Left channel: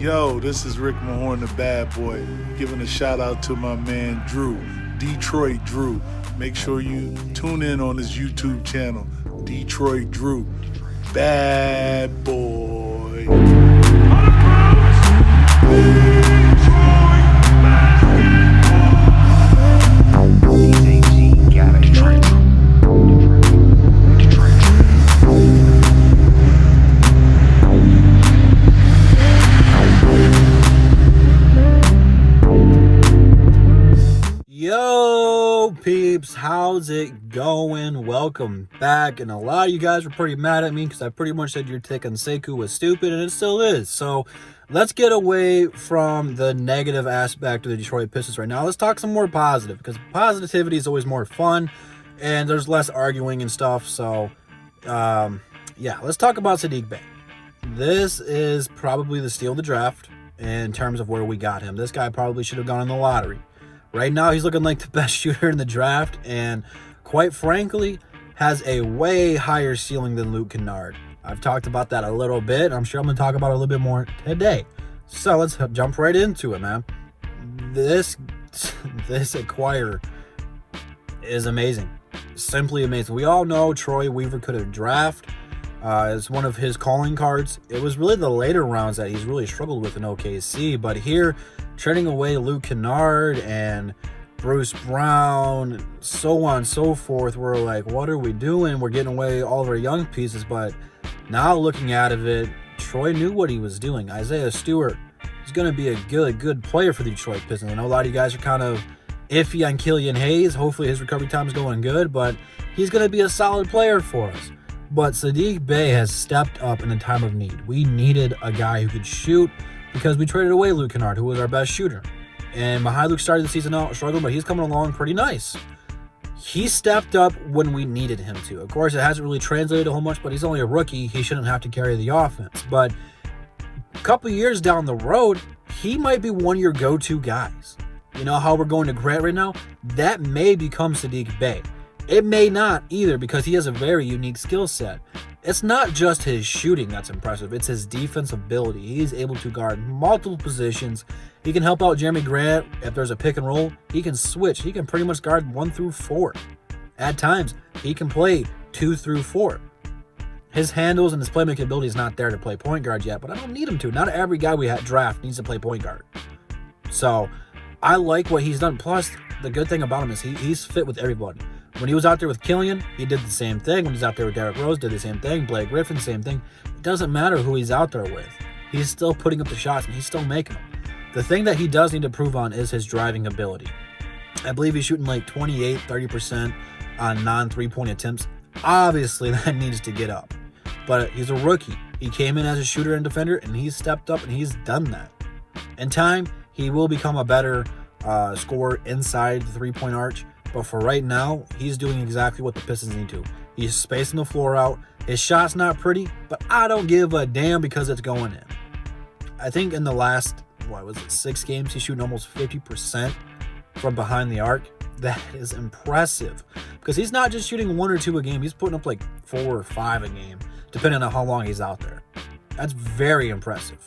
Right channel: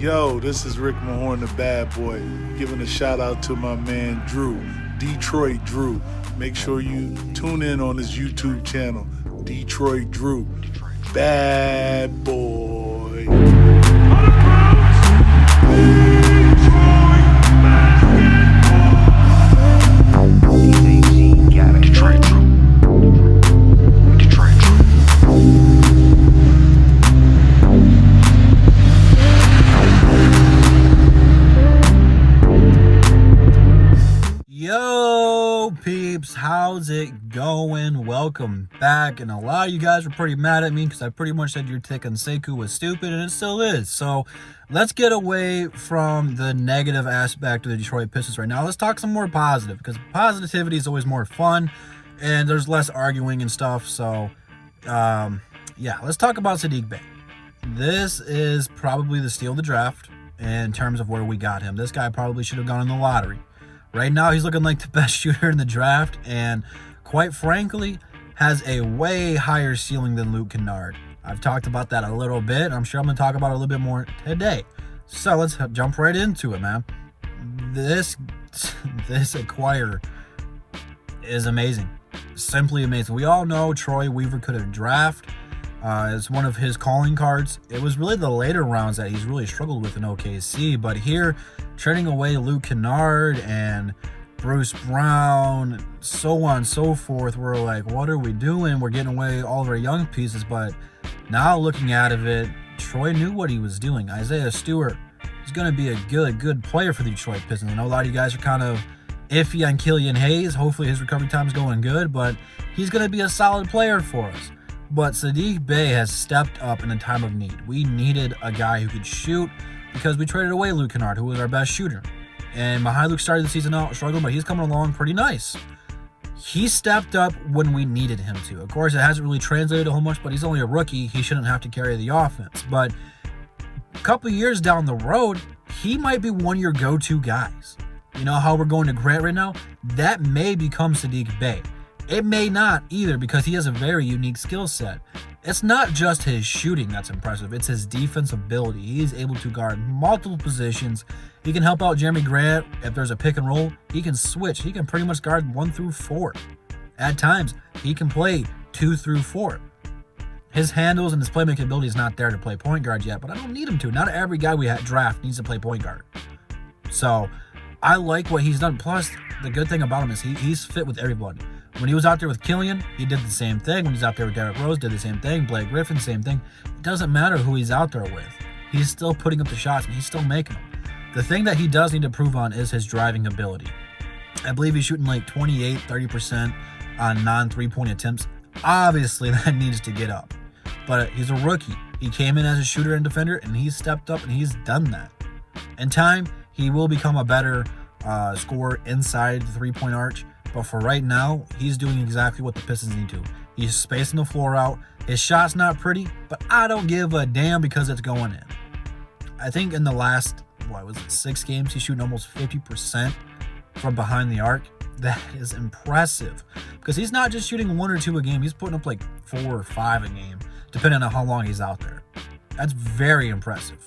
Yo, this is Rick Mahorn, the bad boy, giving a shout out to my man Drew, Detroit Drew. Make sure you tune in on his YouTube channel, Detroit Drew. Bad boy. Yo, peeps, how's it going? Welcome back. And a lot of you guys were pretty mad at me because I pretty much said your take on Sekou was stupid, and it still is. So let's get away from the negative aspect of the Detroit Pistons right now. Let's talk some more positive, because positivity is always more fun and there's less arguing and stuff. So yeah, let's talk about Saddiq Bey. This is probably the steal of the draft in terms of where we got him. This guy probably should have gone in the lottery. Right now, he's looking like the best shooter in the draft, and quite frankly, has a way higher ceiling than Luke Kennard. I've talked about that a little bit. I'm sure I'm going to talk about it a little bit more today. So let's jump right into it, man. This acquire is amazing. Simply amazing. We all know Troy Weaver could have drafted. It's one of his calling cards. It was really the later rounds that he's really struggled with in OKC, but here, trading away Luke Kennard and Bruce Brown, so on and so forth, we're like, what are we doing? We're getting away all of our young pieces, but now looking at it, Troy knew what he was doing. Isaiah Stewart is going to be a good player for the Detroit Pistons. I know a lot of you guys are kind of iffy on Killian Hayes. Hopefully his recovery time is going good, but he's going to be a solid player for us. But Saddiq Bey has stepped up in the time of need. We needed a guy who could shoot, because we traded away Luke Kennard, who was our best shooter. And Luke started the season out struggling, but he's coming along pretty nice. He stepped up when we needed him to. Of course, it hasn't really translated a whole much, but he's only a rookie. He shouldn't have to carry the offense. But a couple years down the road, he might be one of your go-to guys. You know how we're going to Grant right now? That may become Saddiq Bey. It may not either, because he has a very unique skill set. It's not just his shooting that's impressive. It's his defensive ability. He's able to guard multiple positions. He can help out Jeremy Grant. If there's a pick and roll, he can switch. He can pretty much guard 1 through 4. At times, he can play 2 through 4. His handles and his playmaking ability is not there to play point guard yet, but I don't need him to. Not every guy we draft needs to play point guard. So I like what he's done. Plus, the good thing about him is he's fit with everybody. When he was out there with Killian, he did the same thing. When he was out there with Derrick Rose, did the same thing. Blake Griffin, same thing. It doesn't matter who he's out there with. He's still putting up the shots, and he's still making them. The thing that he does need to prove on is his driving ability. I believe he's shooting like 28, 30% on non-3-point attempts. Obviously, that needs to get up. But he's a rookie. He came in as a shooter and defender, and he's stepped up, and he's done that. In time, he will become a better scorer inside the 3-point arch. But for right now, he's doing exactly what the Pistons need to. He's spacing the floor out. His shot's not pretty, but I don't give a damn because it's going in. I think in the last, 6 games, he's shooting almost 50% from behind the arc. That is impressive, because he's not just shooting 1 or 2 a game. He's putting up like 4 or 5 a game, depending on how long he's out there. That's very impressive.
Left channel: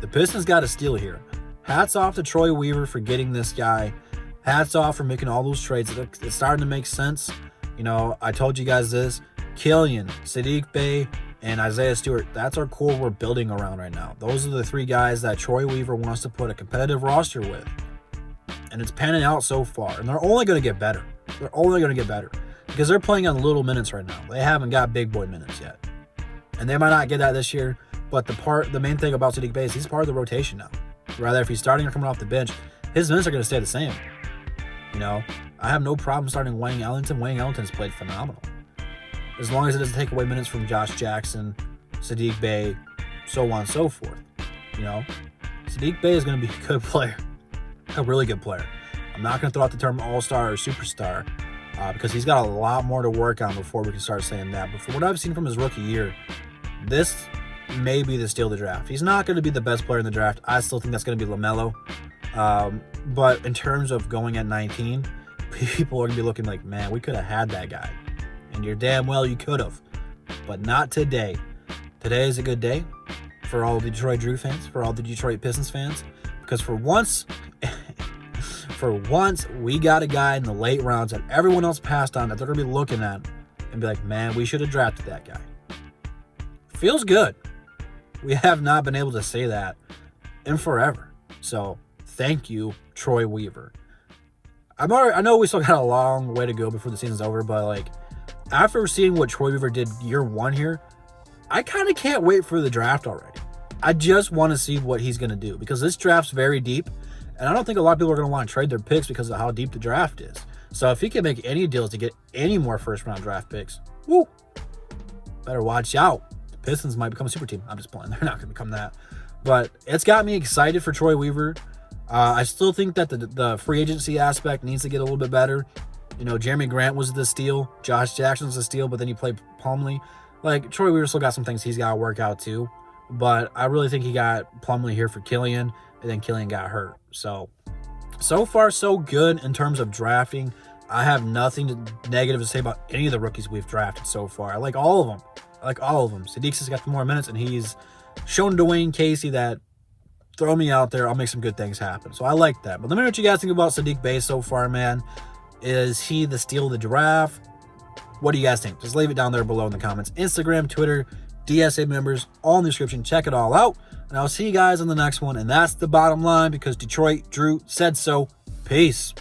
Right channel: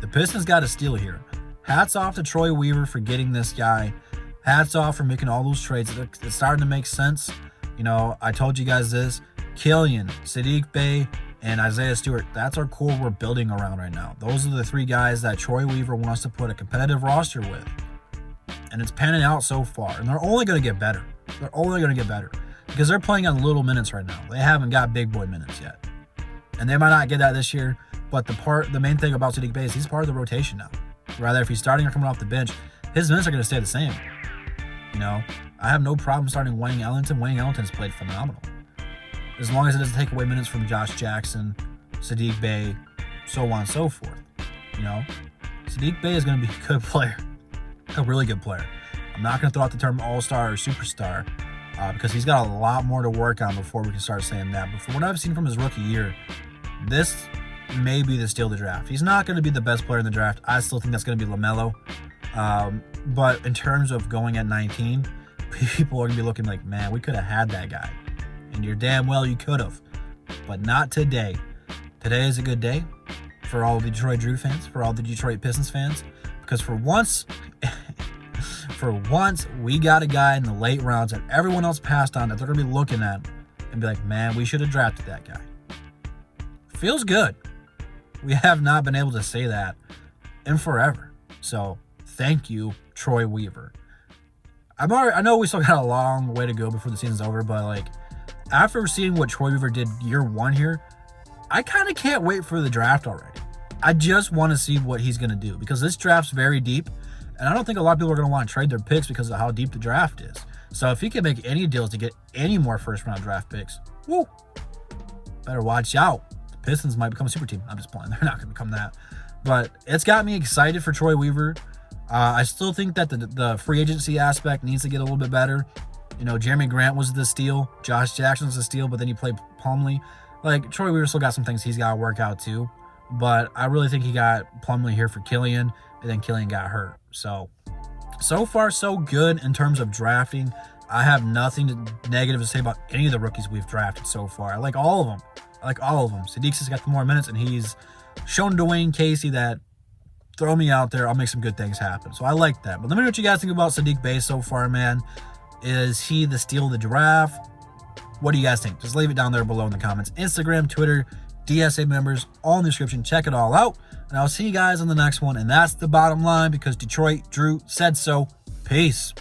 The Pistons got a steal here. Hats off to Troy Weaver for getting this guy. Hats off for making all those trades. It's starting to make sense. You know, I told you guys this. Killian, Saddiq Bey, and Isaiah Stewart. That's our core we're building around right now. Those are the 3 guys that Troy Weaver wants to put a competitive roster with. And it's panning out so far. And they're only going to get better. They're only going to get better. Because they're playing on little minutes right now. They haven't got big boy minutes yet. And they might not get that this year. But the main thing about Saddiq Bey is he's part of the rotation now. Rather, if he's starting or coming off the bench, his minutes are going to stay the same. You know, I have no problem starting Wayne Ellington. Wayne Ellington's played phenomenal. As long as it doesn't take away minutes from Josh Jackson, Saddiq Bey, so on and so forth. You know, Saddiq Bey is going to be a good player. A really good player. I'm not going to throw out the term all-star or superstar because he's got a lot more to work on before we can start saying that. But from what I've seen from his rookie year, this may be the steal of the draft. He's not going to be the best player in the draft. I still think that's going to be LaMelo. But in terms of going at 19, people are going to be looking like, man, we could have had that guy. And you're damn well you could have. But not today. Today is a good day. for all the Detroit Drew fans, for all the Detroit Pistons fans, because for once, we got a guy in the late rounds that everyone else passed on that they're going to be looking at and be like, man, we should have drafted that guy. Feels good. We have not been able to say that in forever. So thank you, Troy Weaver. I know we still got a long way to go before the season's over, but like after seeing what Troy Weaver did year one here, I kind of can't wait for the draft already. I just want to see what he's going to do because this draft's very deep, and I don't think a lot of people are going to want to trade their picks because of how deep the draft is. So if he can make any deals to get any more first-round draft picks, woo, better watch out. The Pistons might become a super team. I'm just playing. They're not going to become that. But it's got me excited for Troy Weaver. I still think that the free agency aspect needs to get a little bit better. You know, Jeremy Grant was the steal. Josh Jackson's the steal, but then he played Plumlee. Like, Troy Weaver still got some things he's got to work out too. But I really think he got Plumlee here for Killian, and then Killian got hurt. So far, so good in terms of drafting. I have nothing negative to say about any of the rookies we've drafted so far. I like all of them. Saddiq has got more minutes, and he's shown Dwayne Casey that throw me out there, I'll make some good things happen. So I like that. But let me know what you guys think about Saddiq Bey so far, man. Is he the steal of the draft? What do you guys think? Just leave it down there below in the comments. Instagram, Twitter, DSA members, all in the description. Check it all out. And I'll see you guys on the next one. And that's the bottom line because Detroit Drew said so. Peace.